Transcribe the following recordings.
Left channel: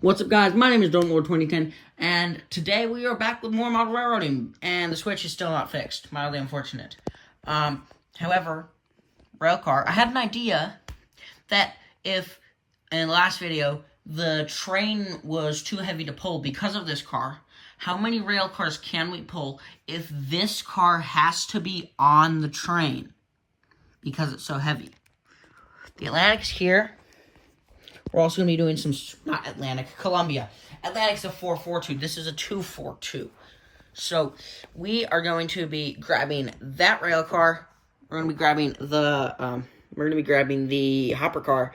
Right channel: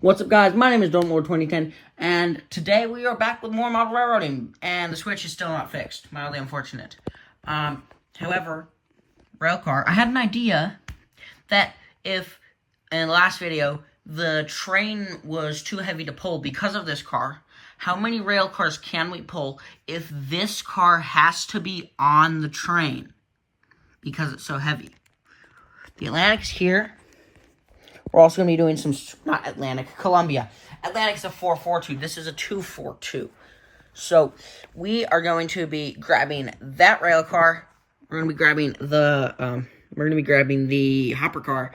What's up, guys? My name is Don'tLord2010, and today we are back with more model railroading, and the switch is still not fixed. Mildly unfortunate. However, railcar, I had an idea that if, in the last video, the train was too heavy to pull because of this car, how many rail cars can we pull if this car has to be on the train because it's so heavy? The Atlantic's here. We're also going to be doing some, not Atlantic, Colombia. Atlantic's a 442. This is a 242. So, we are going to be grabbing that rail car. We're going to be grabbing the hopper car.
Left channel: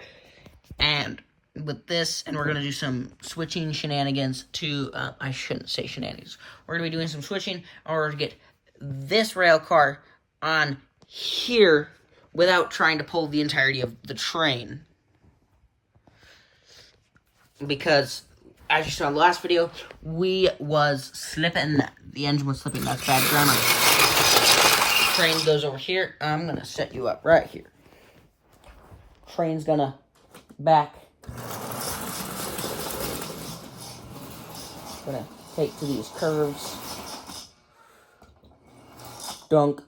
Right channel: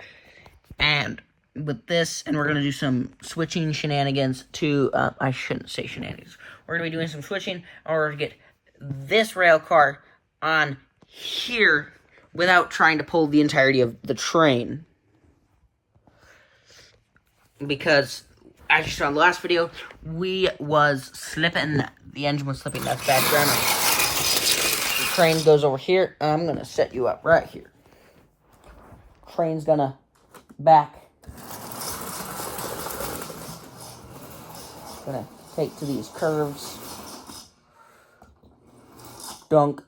And with this, and we're going to do some switching shenanigans to, I shouldn't say shenanigans. We're going to be doing some switching in order to get this rail car on here without trying to pull the entirety of the train. Because, as you saw in the last video, we was slipping. The engine was slipping. That's bad grammar. The train goes over here. I'm going to set you up right here. Train's going to back. Going to take to these curves. Dunk.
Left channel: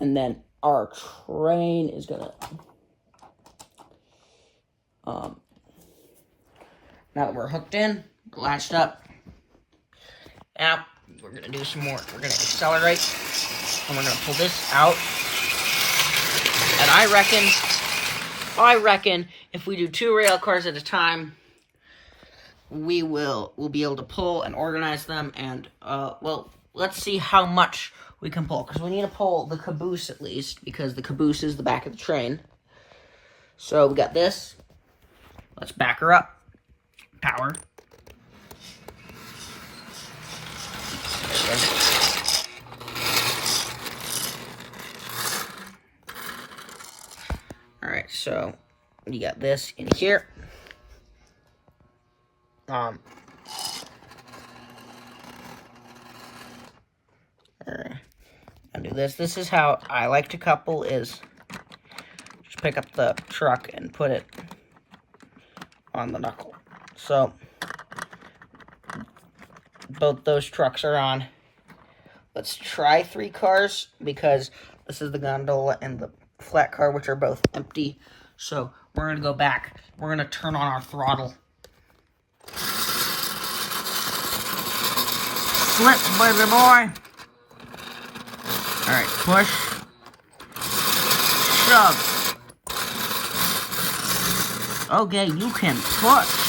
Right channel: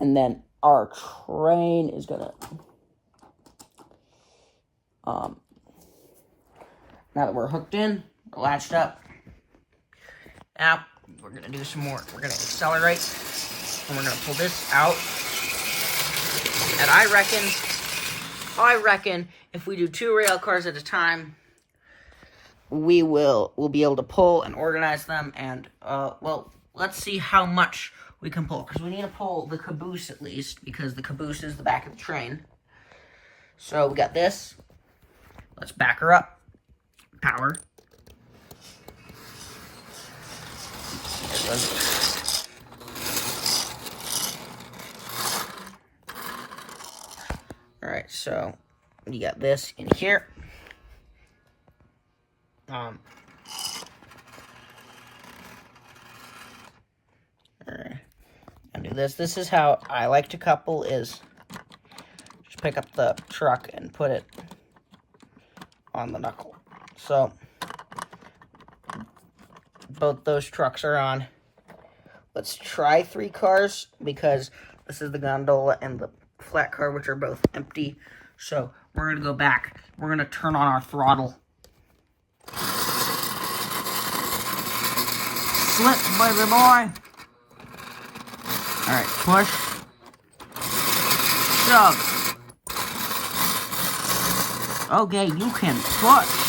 And then our train is going to... Now that we're hooked in, we're latched up. Now, we're going to do some more. We're going to accelerate, and we're going to pull this out. And I reckon, if we do 2 rail cars at a time, we'll be able to pull and organize them. And, well, let's see how much we can pull. Because we need to pull the caboose at least, because the caboose is the back of the train. So, we got this. Let's back her up. Power. Alright, so you got this in here. Alright. I'll do this. This is how I like to couple is just pick up the truck and put it on the knuckle. So, both those trucks are on. Let's try 3 cars, because this is the gondola and the flat car, which are both empty. So, we're going to go back. We're going to turn on our throttle. Slip, baby boy. Alright, push. Shove. Okay, you can push.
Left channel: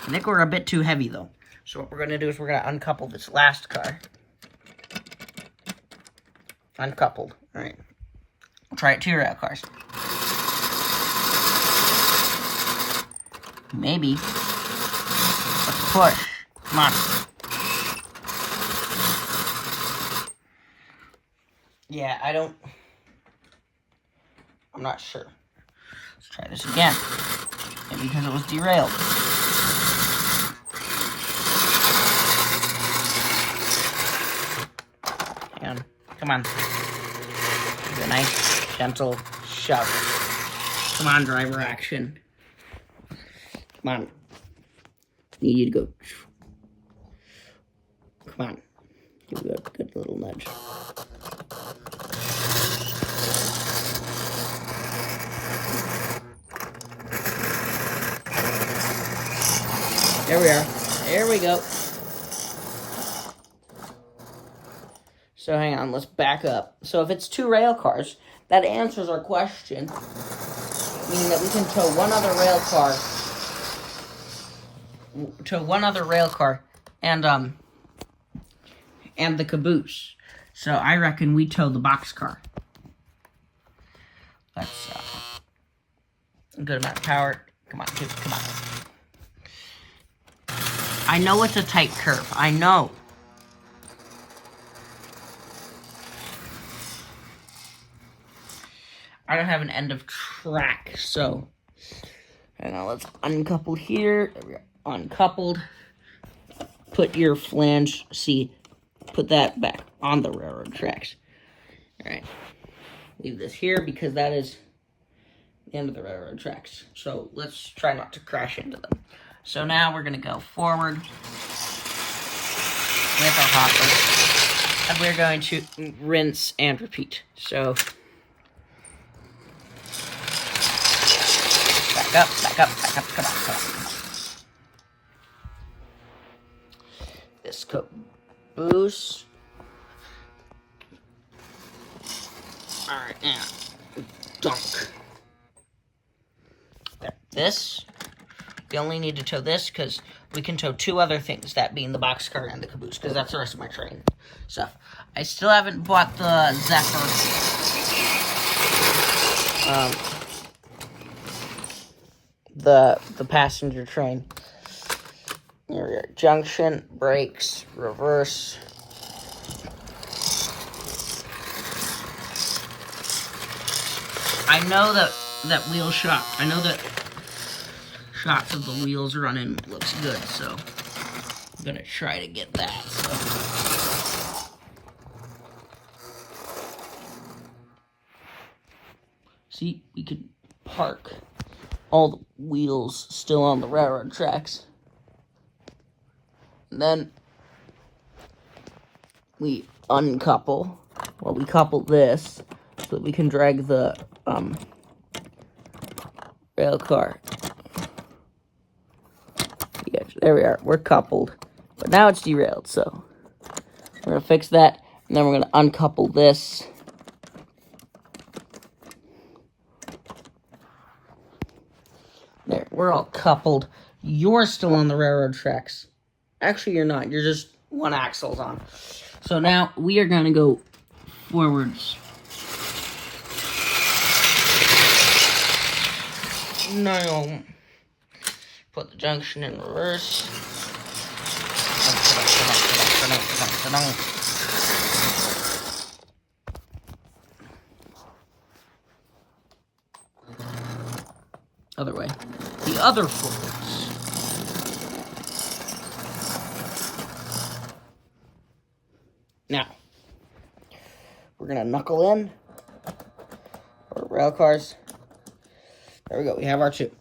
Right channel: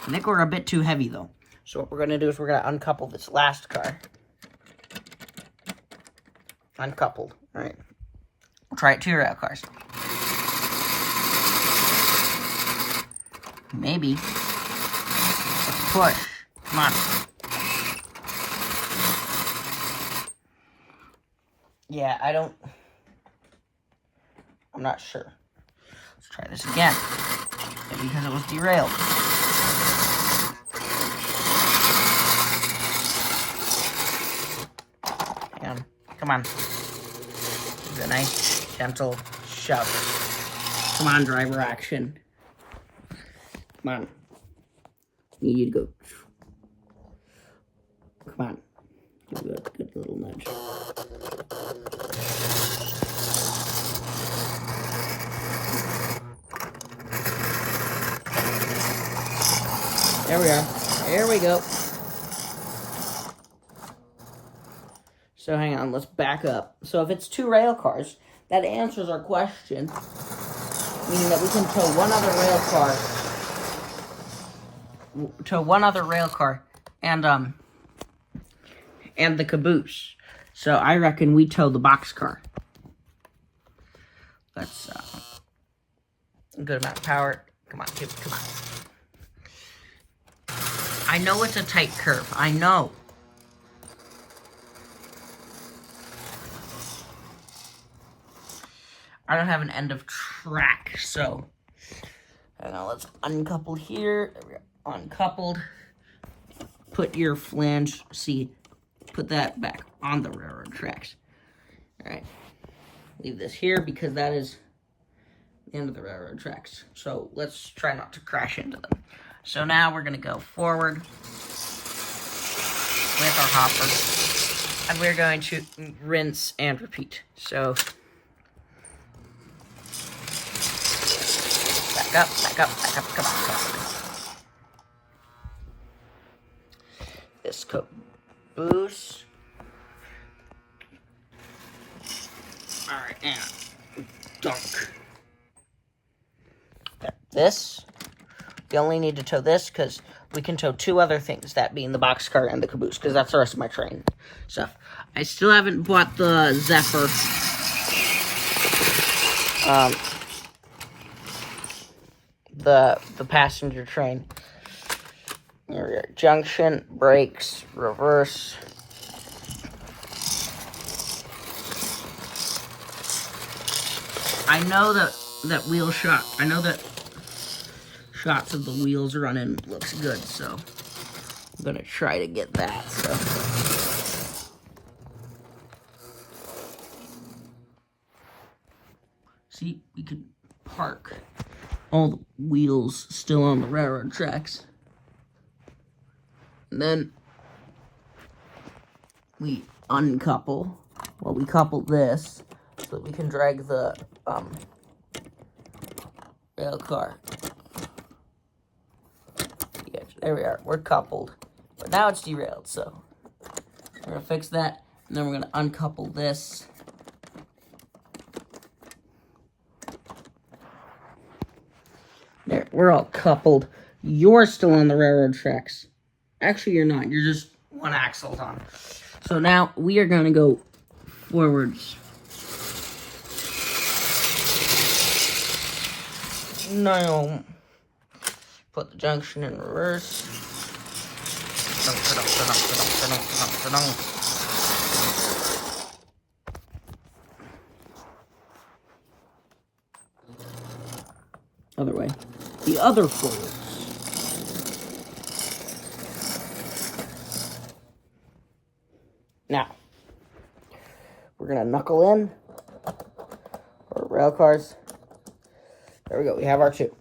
I think we're a bit too heavy, though. So what we're going to do is we're going to uncouple this last car. Uncoupled. All right. We'll try it 2 rail cars. Maybe. Let's push. Come on. Yeah, I'm not sure. Let's try this again. Maybe because it was derailed. Come on. Do a nice, gentle shove. Come on, driver action. Come on. Need you to go. Come on. Give it a good little nudge. There we are. There we go. So hang on, let's back up. So if it's 2 rail cars, that answers our question, meaning that we can tow one other rail car, and the caboose. So I reckon we tow the box car. That's a good amount of power. Come on, come on. I know it's a tight curve. I know. I don't have an end of track, so let's uncouple here. Uncoupled. Put your flange, put that back on the railroad tracks. All right, leave this here because that is the end of the railroad tracks. So let's try not to crash into them. So now we're going to go forward with our hopper, and we're going to rinse and repeat. So back up, come on. This caboose. Alright, and dunk. Got this. We only need to tow this because we can tow two other things, that being the boxcar and the caboose, because that's the rest of my train stuff. I still haven't bought the Zephyr. The passenger train. Here we are. Junction, brakes, reverse. I know that wheel shot. I know that shots of the wheels running looks good, so I'm gonna try to get that. So see, we can park all the wheels still on the railroad tracks. And then we uncouple. Well, we couple this so that we can drag the rail car. Yeah, there we are. We're coupled. But now it's derailed, so we're going to fix that. And then we're going to uncouple this. There, we're all coupled. You're still on the railroad tracks. Actually, you're not. You're just one axle's on. So now we are going to go forwards. Now, put the junction in reverse. Other way. The other forwards. Now, we're going to knuckle in our rail cars. There we go. We have our two.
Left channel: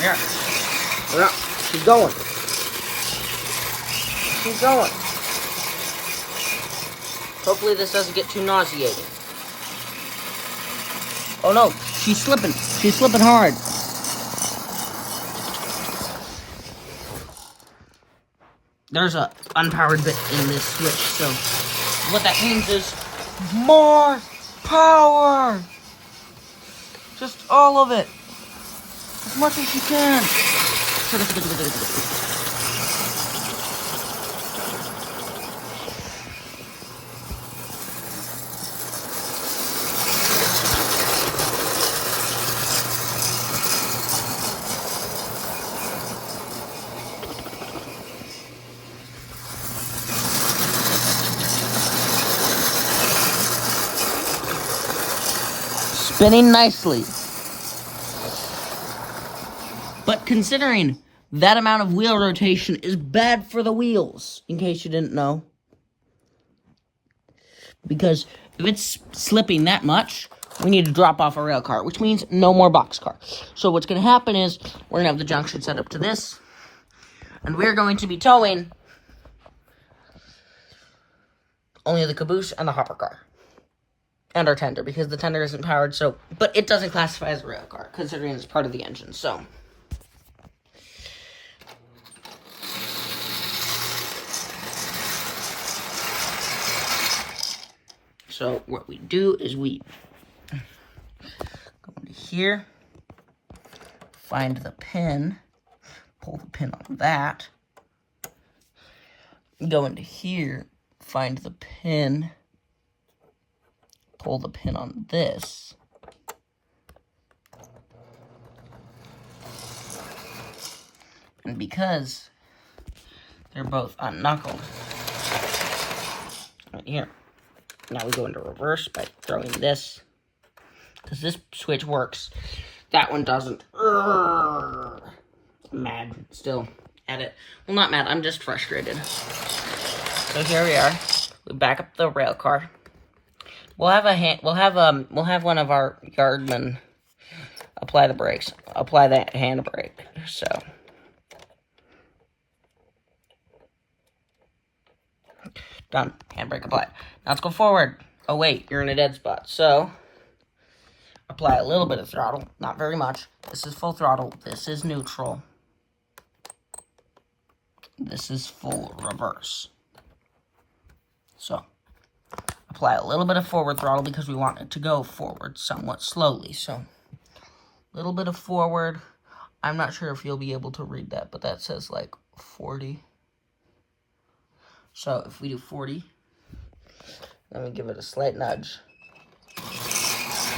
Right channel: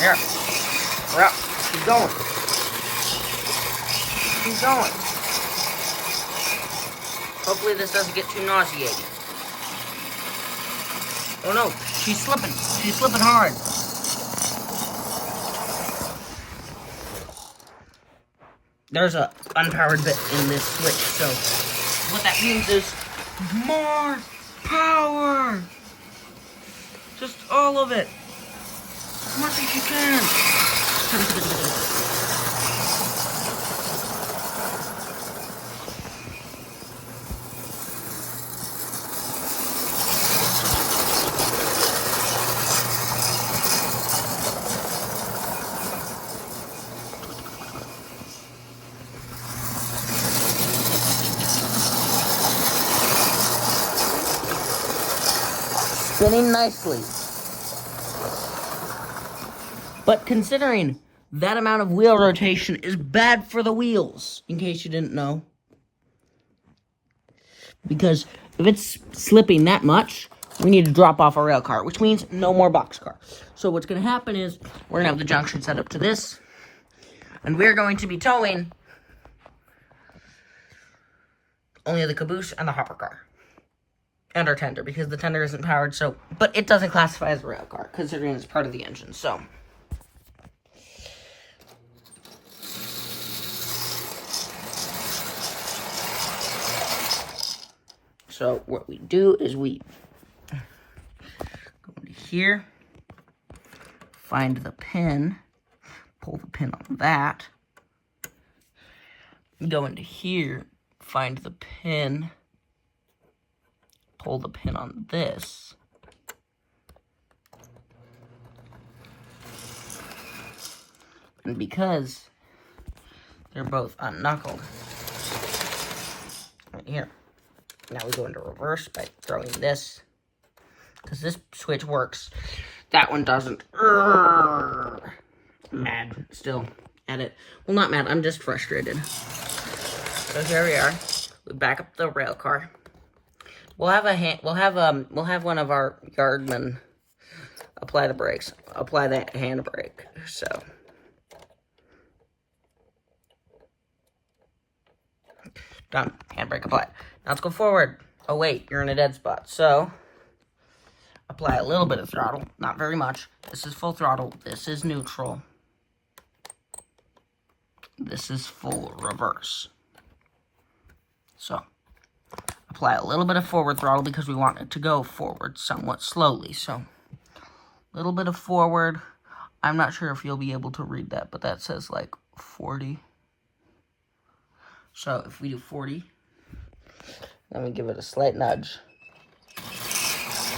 There. We're up. Keep going. Keep going. Hopefully this doesn't get too nauseating. Oh no, she's slipping. She's slipping hard. There's a unpowered bit in this switch, so what that means is more power. Just all of it. As much as you can. Spinning nicely. But considering that amount of wheel rotation is bad for the wheels, in case you didn't know. Because if it's slipping that much, we need to drop off our rail car, which means no more boxcar. So what's going to happen is we're going to have the junction set up to this, and we're going to be towing only the caboose and the hopper car. And our tender, because the tender isn't powered, so... But it doesn't classify as a rail car, considering it's part of the engine, so... So, what we do is we go into here, find the pin, pull the pin on that, go into here, find the pin, pull the pin on this, and because they're both unknuckled, right here, now we go into reverse by throwing this, because this switch works, that one doesn't. Mad still at it. Well, not mad, I'm just frustrated. So here we are. We back up the rail car. We'll have one of our yardmen apply the brakes. Apply that handbrake. So done. Handbrake applied. Now let's go forward. Oh wait, you're in a dead spot. So apply a little bit of throttle, not very much. This is full throttle. This is neutral. This is full reverse. So apply a little bit of forward throttle because we want it to go forward somewhat slowly. So a little bit of forward. I'm not sure if you'll be able to read that, but that says like 40. So if we do 40, let me give it a slight nudge.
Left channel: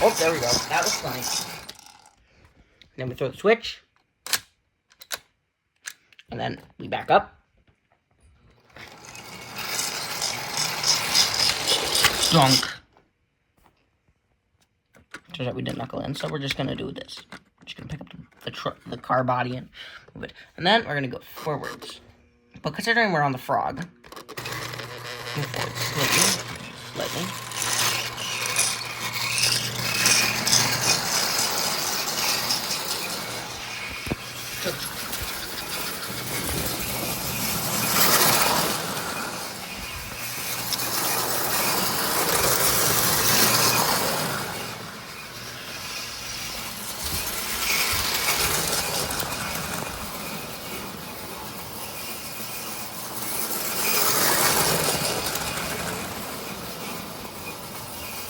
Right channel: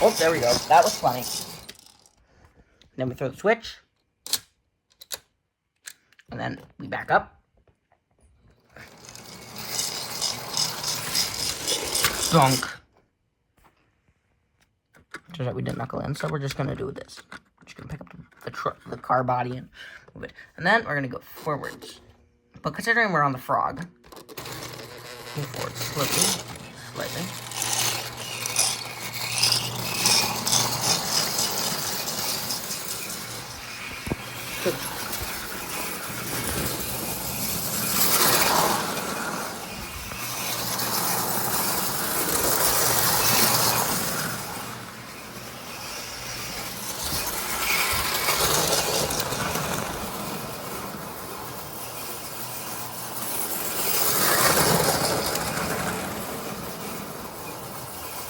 Oh, there we go. That was funny. Then we throw the switch. And then we back up. Dunk. Turns out we didn't knuckle in, so we're just going to do this. We're just going to pick up the car body and move it. And then we're going to go forwards. But considering we're on the frog, go forward slightly.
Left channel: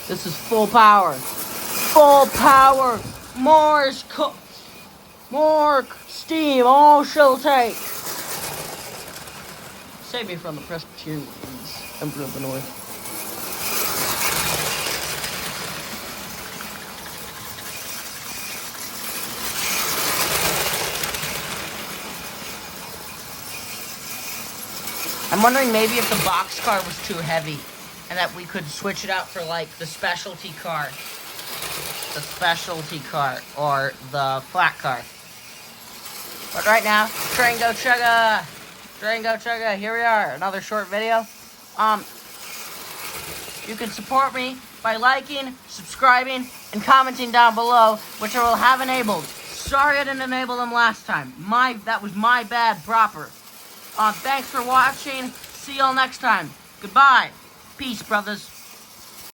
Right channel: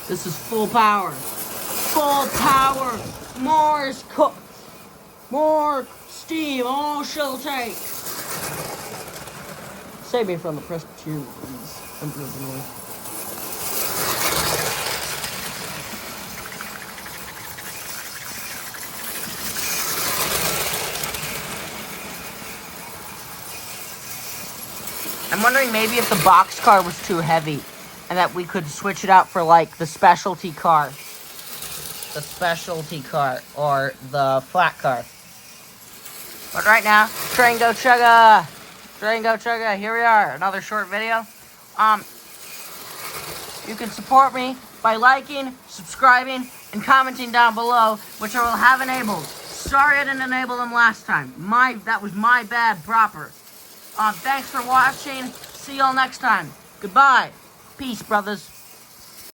This is full power. Full power. More steam. Oh, she'll take. Save me from the Presbyterians, Emperor of the North. I'm wondering maybe if the box car was too heavy and that we could switch it out for like the specialty car. The specialty car or the flat car. But right now, train go chugga! Train go chugga, here we are, another short video. You can support me by liking, subscribing, and commenting down below, which I will have enabled. Sorry I didn't enable them last time. That was my bad proper. Thanks for watching. See y'all next time. Goodbye. Peace, brothers.